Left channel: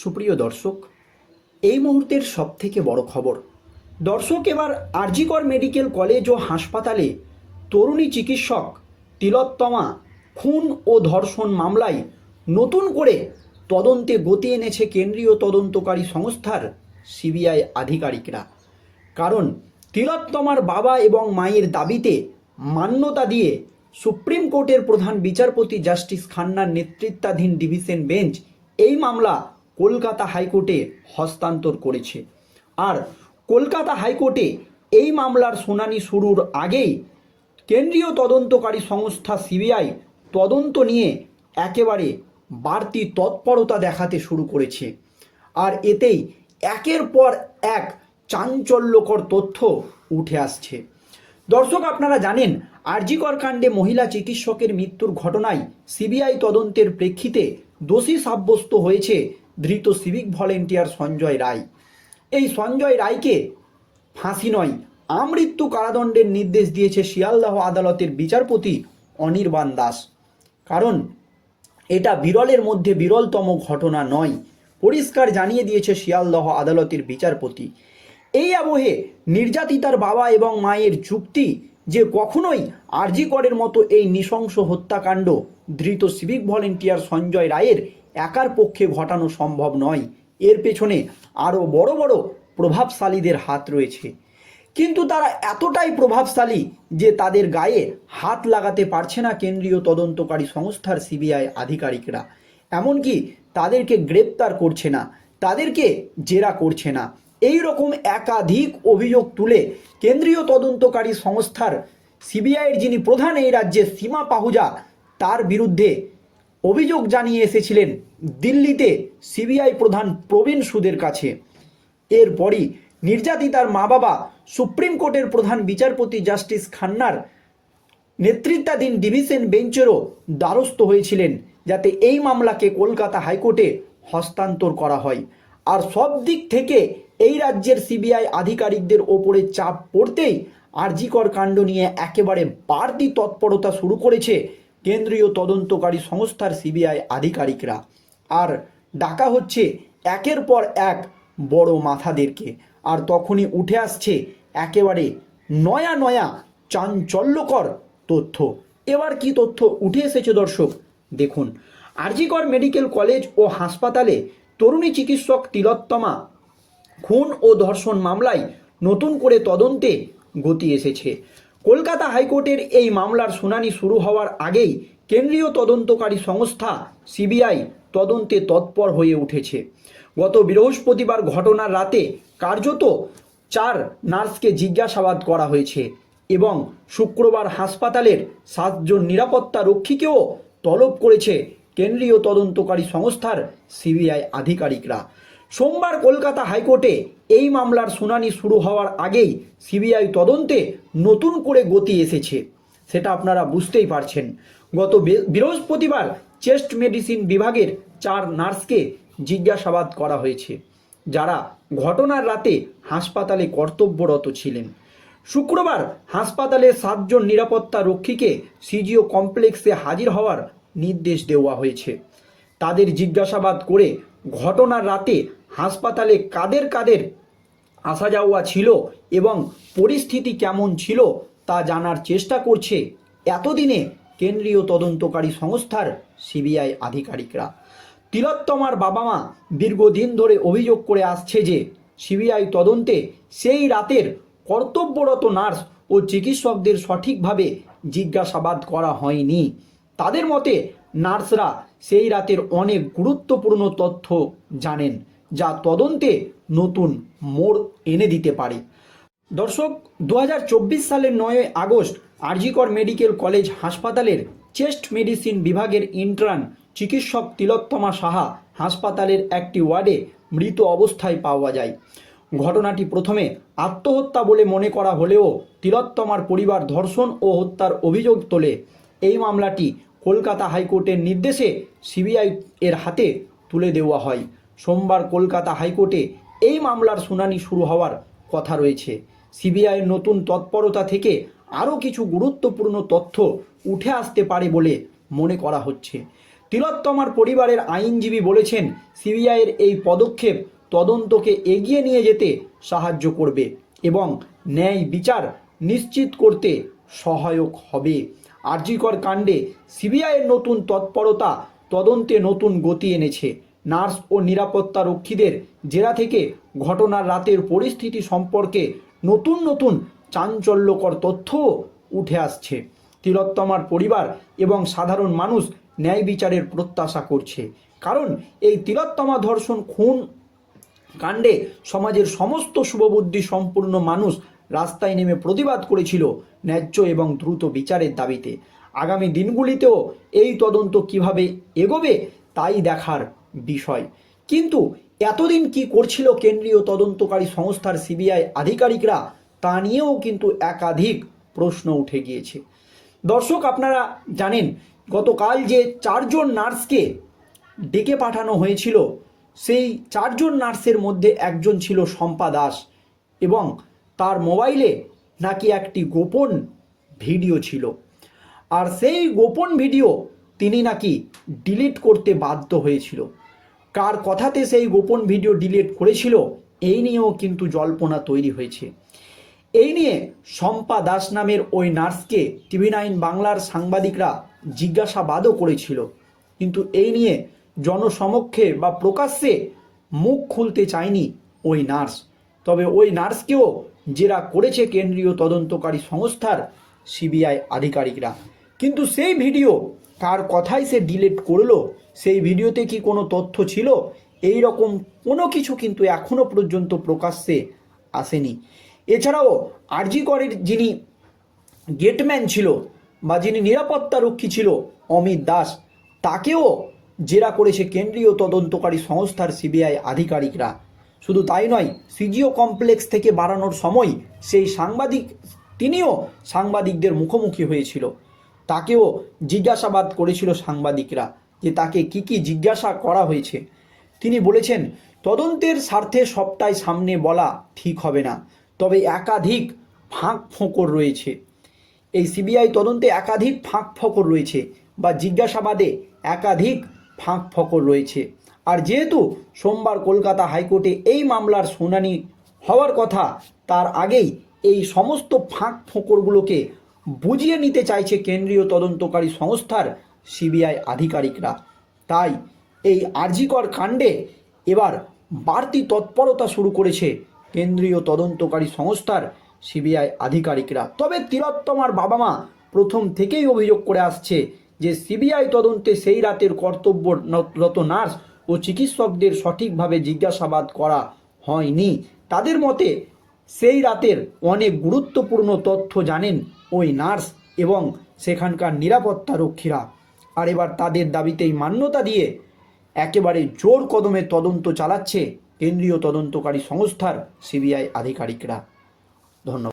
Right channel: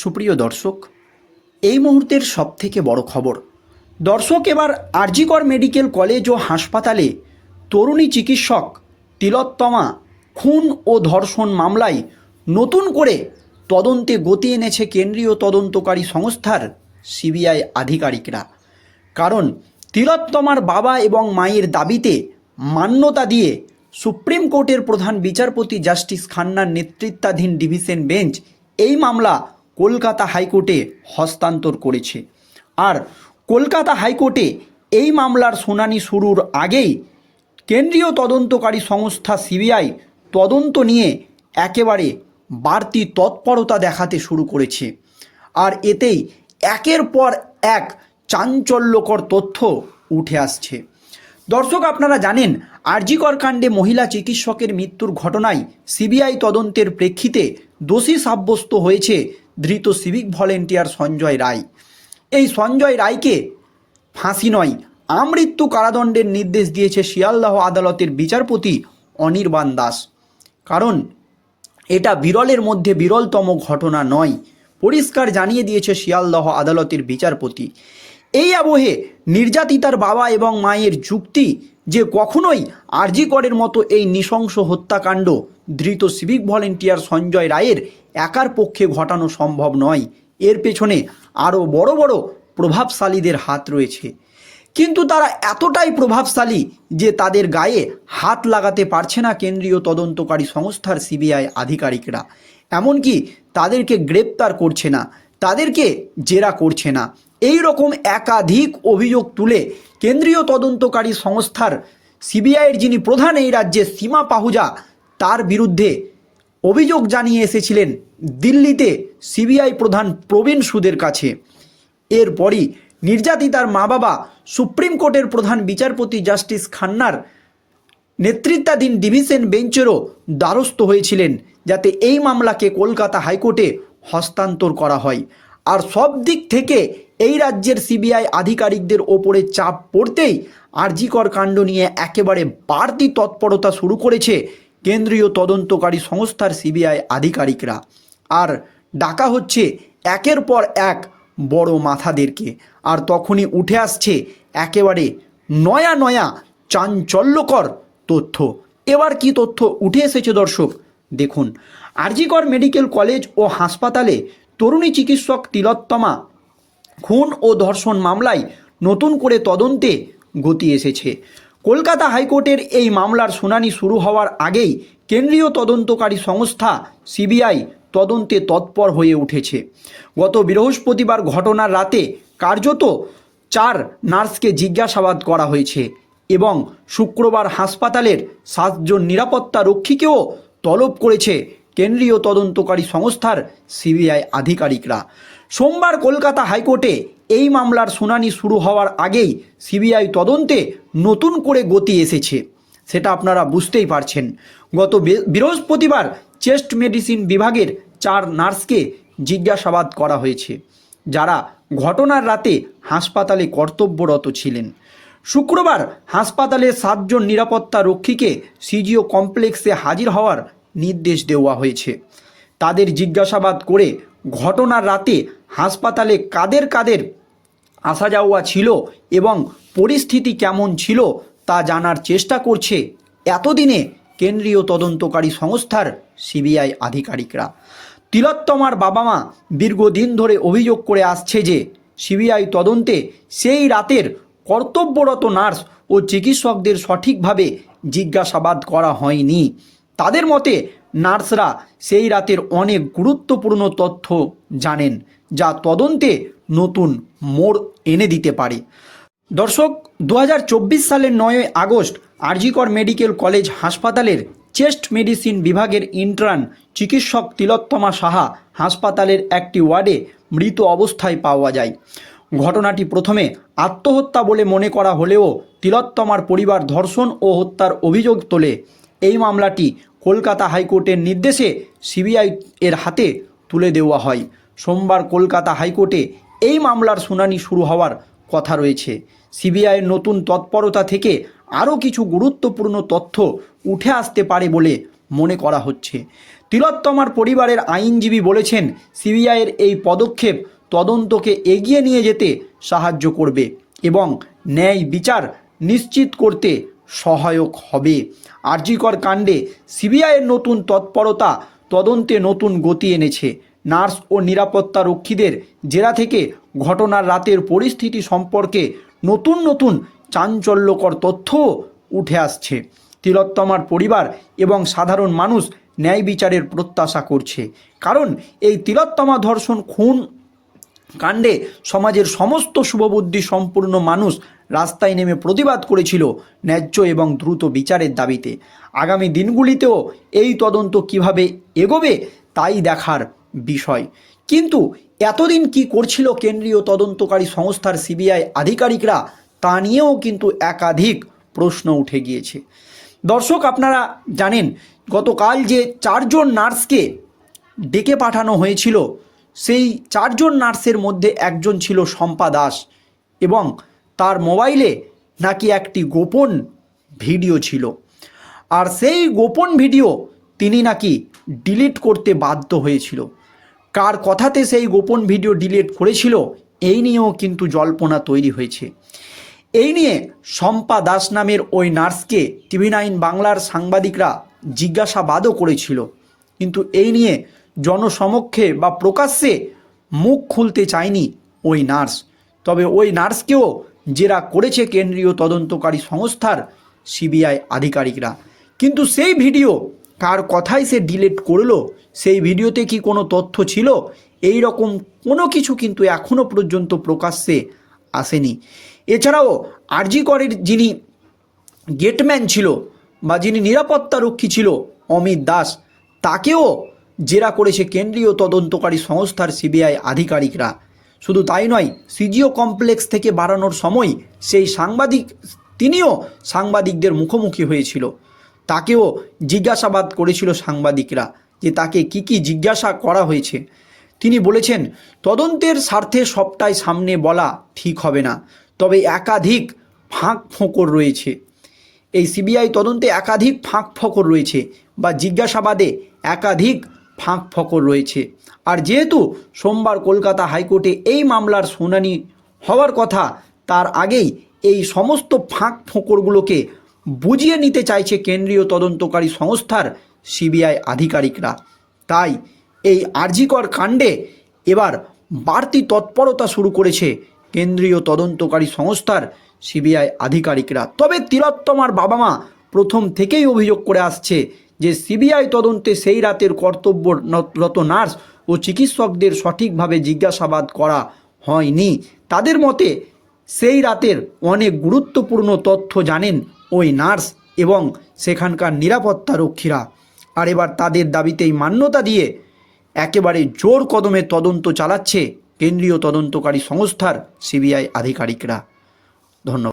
সুপ্রিয় দর্শক, এই মুহূর্তের সবথেকে বড় খবর, দর্শক এবার আরজিকর মেডিকেল কলেজ ও হাসপাতালে তরুণী চিকিৎসক তিলোত্তমা খুন ও ধর্ষণ মামলায় নতুন করে তদন্তে গতি এনেছে কেন্দ্রীয় তদন্তকারী সংস্থার সিবিআই আধিকারিকরা। কারণ তিলোত্তমার বাবা এবং মায়ের দাবিতে মান্যতা দিয়ে সুপ্রিম কোর্টের প্রধান বিচারপতি জাস্টিস খান্নার নেতৃত্বাধীন ডিভিশন বেঞ্চ এই মামলা কলকাতা হাইকোর্টে হস্তান্তর করেছে। আর কলকাতা হাইকোর্টে এই মামলার শুনানি শুরুর আগেই কেন্দ্রীয় তদন্তকারী সংস্থা সিবিআই তদন্ত নিয়ে একেবারে বাড়তি তৎপরতা দেখাতে শুরু করেছে। আর এতেই একের পর এক চাঞ্চল্যকর তথ্য উঠে আসছে। দর্শক, আপনারা জানেন, আরজিকর কাণ্ডে মহিলা চিকিৎসকের মৃত্যুর ঘটনায় সিবিআই তদন্তের প্রেক্ষিতে দোষী সাব্যস্ত হয়েছে ধৃত সিভিক ভলেন্টিয়ার সঞ্জয় রায়। এই সঞ্জয় রায়কে ফাঁসি নয়, আমৃত্যু কারাদণ্ডের নির্দেশ দিয়েছে শিয়ালদহ আদালতের বিচারপতি অনির্বাণ দাস। কারণ এটা বিরলের মধ্যে বিরলতম ঘটনা নয়, পরিষ্কার জানিয়ে দিয়েছে শিয়ালদহ আদালতের বিচারপতি। এই আবহে নির্যাতিতার বাবা এবং মায়ের যুক্তি যে কখনোই আরজিকরের মতো এই নৃশংস হত্যাকাণ্ড ধৃত সিভিক ভলেন্টিয়ার সঞ্জয় রায়ের একার পক্ষে ঘটানো সম্ভব নয়। এর পেছনে আরও বড় বড় প্রভাবশালীদের হাত রয়েছে। কিন্তু তারা এতটাই প্রভাবশালী যে তাদের গায়ে হাত লাগাতে পারছে না কেন্দ্রীয় তদন্তকারী সংস্থার সিবিআই আধিকারিকরা। এমনকি তাদেরকে গ্রেপ্তার করছে না, তাদেরকে জেরা করছে না। এই রকম একাধিক অভিযোগ তুলে কেন্দ্রীয় তদন্তকারী সংস্থার সিবিআইয়ের যিনি প্রধান এই রাজ্যে সীমা পাহুজা, তার বিরুদ্ধে অভিযোগ জানিয়ে এসেছিলেন দিল্লিতে সিবিআই প্রধান প্রবীণ সুদের কাছে। এরপরই নির্যাতিতার মা বাবা সুপ্রিম কোর্টের প্রধান বিচারপতি জাস্টিস খান্নার নেতৃত্বাধীন ডিভিশন বেঞ্চেরও দ্বারস্থ হয়েছিলেন যাতে এই মামলাকে কলকাতা হাইকোর্টে হস্তান্তর করা হয়। আর সব দিক থেকে এই রাজ্যের সিবিআই আধিকারিকদের ওপরে চাপ পড়তেই আরজিকর কাণ্ড নিয়ে একেবারে বাড়তি তৎপরতা শুরু করেছে কেন্দ্রীয় তদন্তকারী সংস্থার সিবিআই আধিকারিকরা। আর ডাকা হচ্ছে একের পর এক বড় মাথাদেরকে। আর তখনই উঠে আসছে একেবারে নয়া নয়া চাঞ্চল্যকর তথ্য। এবার কি তথ্য উঠে এসেছে দর্শক, দেখুন। আরজিকর মেডিকেল কলেজ ও হাসপাতালে তরুণী চিকিৎসক তিলোত্তমা খুন ও ধর্ষণ মামলায় নতুন করে তদন্তে গতি এসেছে। কলকাতা হাইকোর্টের এই মামলার শুনানি শুরু হওয়ার আগেই কেন্দ্রীয় তদন্তকারী সংস্থা সিবিআই তদন্তে তৎপর হয়ে উঠেছে। গত বৃহস্পতিবার ঘটনার রাতে কার্যত চার নার্সকে জিজ্ঞাসাবাদ করা হয়েছে এবং শুক্রবার হাসপাতালের সাতজন নিরাপত্তা রক্ষীকেও তলব করেছে কেন্দ্রীয় তদন্তকারী সংস্থার সিবিআই আধিকারিকরা। সোমবার কলকাতা হাইকোর্টে এই মামলার শুনানি শুরু হওয়ার আগেই সিবিআই তদন্তে নতুন করে গতি এসেছে। সেটা আপনারা বুঝতেই পারছেন। গত বৃহস্পতিবার চেস্ট মেডিসিন বিভাগের চার নার্সকে জিজ্ঞাসাবাদ করা হয়েছে। যারা ঘটনার রাতে হাসপাতালে কর্তব্যরত ছিলেন। শুক্রবার হাসপাতালে সাতজন নিরাপত্তা রক্ষীকে সিজিও কমপ্লেক্সে হাজির হওয়ার নির্দেশ দেওয়া হয়েছে। তাদের জিজ্ঞাসাবাদ করে ঘটনার রাতে হাসপাতালে কাদের কাদের আসা যাওয়া ছিল এবং পরিস্থিতি কেমন ছিল তা জানার চেষ্টা করছে এতদিনে কেন্দ্রীয় তদন্তকারী সংস্থার সিবিআই আধিকারিকরা। তিলোত্তমার বাবা মা দীর্ঘদিন ধরে অভিযোগ করে আসছে যে সিবিআই তদন্তে সেই রাতের কর্তব্যরত নার্স ও চিকিৎসকদের সঠিকভাবে জিজ্ঞাসাবাদ করা হয়নি। তাদের মতে নার্সরা সেই রাতের অনেক গুরুত্বপূর্ণ তথ্য জানেন। যা তদন্তে নতুন মোড় এনে দিতে পারে। দর্শক দু হাজার চব্বিশ সালের নয় আগস্ট আরজিকর মেডিকেল কলেজ হাসপাতালের চেস্ট মেডিসিন বিভাগের ইন্টার্ন চিকিৎসক তিলোত্তমা সাহা হাসপাতালের একটি ওয়ার্ডে মৃত অবস্থায় পাওয়া যায়। ঘটনাটি প্রথমে আত্মহত্যা বলে মনে করা হলেও তিলোত্তমার পরিবার ধর্ষণ ও হত্যার অভিযোগ তোলে। এই মামলাটি কলকাতা হাইকোর্টের নির্দেশে সিবিআই এর হাতে তুলে দেওয়া হয়। সোমবার কলকাতা হাইকোর্টে এই মামলার শুনানি শুরু হওয়ার কথা রয়েছে। সিবিআইয়ের নতুন তৎপরতা থেকে আরও কিছু গুরুত্বপূর্ণ তথ্য উঠে আসতে পারে বলে মনে করা হচ্ছে। তিলোত্তমার পরিবারের আইনজীবী বলেছেন সিবিআইয়ের এই পদক্ষেপ তদন্তকে এগিয়ে নিয়ে যেতে সাহায্য করবে এবং ন্যায় বিচার নিশ্চিত করতে সহায়ক হবে। আরজিকর কাণ্ডে সিবিআইয়ের নতুন তৎপরতা তদন্তে নতুন গতি এনেছে। নার্স ও নিরাপত্তা রক্ষীদের জেরা থেকে ঘটনার রাতের পরিস্থিতি সম্পর্কে নতুন নতুন চাঞ্চল্যকর তথ্য উঠে আসছে। তিলোত্তমার পরিবার এবং সাধারণ মানুষ ন্যায় বিচারের প্রত্যাশা করছে। কারণ এই তিলোত্তমা ধর্ষণ খুন কাণ্ডে সমাজের সমস্ত শুভবুদ্ধি সম্পূর্ণ মানুষ রাস্তায় নেমে প্রতিবাদ করেছিল ন্যায্য এবং দ্রুত বিচারের দাবিতে। আগামী দিনগুলিতেও এই তদন্ত কীভাবে এগোবে তাই দেখার বিষয়। কিন্তু এতদিন কি করছিল কেন্দ্রীয় তদন্তকারী সংস্থার সিবিআই আধিকারিকরা, তা নিয়েও কিন্তু একাধিক প্রশ্ন উঠে গিয়েছে। দর্শক, আপনারা জানেন, গতকাল যে চারজন নার্সকে ডেকে পাঠানো হয়েছিল, সেই চারজন নার্সের মধ্যে একজন ছিল শম্পা দাস এবং তার মোবাইলে নাকি একটি গোপন ভিডিও ছিল। আর সেই গোপন ভিডিও তিনি নাকি ডিলিট করতে বাধ্য হয়েছিল। কার কথাতে সেই গোপন ভিডিও ডিলিট করেছিল, এই নিয়েও কিন্তু জল্পনা তৈরি হয়েছে। এই নিয়ে শম্পা দাস নামের ওই নার্সকে টিভি নাইন বাংলার সাংবাদিকরা জিজ্ঞাসাবাদও করেছিল। কিন্তু এই নিয়ে জনসমক্ষে বা প্রকাশ্যে মুখ খুলতে চায়নি ওই নার্স। তবে ওই নার্সকেও জেরা করেছে কেন্দ্রীয় তদন্তকারী সংস্থার সিবিআই আধিকারিকরা। কিন্তু সেই ভিডিও কার কথাই সে ডিলিট করল, সেই ভিডিওতে কি কোনো তথ্য ছিল? এই রকম কোনো কিছু কিন্তু এখনও পর্যন্ত প্রকাশ্যে আসেনি। এছাড়াও আরজি করের যিনি গেটম্যান ছিল বা যিনি নিরাপত্তা রক্ষী ছিল, অমিত দাস, তাকেও জেরা করেছে কেন্দ্রীয় তদন্তকারী সংস্থার সিবিআই আধিকারিকরা। শুধু তাই নয়, সিজিও কমপ্লেক্স থেকে বাড়ানোর সময় সেই সাংবাদিক, তিনিও সাংবাদিকদের মুখোমুখি হয়েছিল। তাকেও জিজ্ঞাসাবাদ করেছিল সাংবাদিকরা যে তাকে কি কি জিজ্ঞাসা করা হয়েছে। তিনি বলেছেন, তদন্তের স্বার্থে সবটাই সামনে বলা ঠিক হবে না, তবে একাধিক ফাঁক ফোঁকর রয়েছে। এই সিবিআই তদন্তে একাধিক ফাঁক ফকর রয়েছে বা জিজ্ঞাসাবাদে একাধিক ফাঁক ফকর রয়েছে। আর যেহেতু সোমবার কলকাতা হাইকোর্টে এই মামলার শুনানি হওয়ার কথা, তার আগেই এই সমস্ত ফাঁক ফোঁকরগুলোকে বুঝিয়ে নিতে চাইছে কেন্দ্রীয় তদন্তকারী সংস্থার সিবিআই আধিকারিকরা। তাই এই আরজিকর কাণ্ডে এবার বাড়তি তৎপরতা শুরু করেছে কেন্দ্রীয় তদন্তকারী সংস্থার সিবিআই আধিকারিকরা। তবে তিলোত্তমার বাবা মা প্রথম থেকেই অভিযোগ করে আসছে যে সিবিআই তদন্তে সেই রাতের কর্তব্যরত নার্স ও চিকিৎসকদের সঠিকভাবে জিজ্ঞাসাবাদ করা হয়নি। তাদের মতে সেই রাতের অনেক গুরুত্বপূর্ণ তথ্য জানেন ওই নার্স এবং সেখানকার নিরাপত্তা রক্ষীরা। আর এবার তাদের দাবিতেই মান্যতা দিয়ে একেবারে জোর কদমে তদন্ত চালাচ্ছে কেন্দ্রীয় তদন্তকারী সংস্থার সিবিআই আধিকারিকরা। ধন্যবাদ।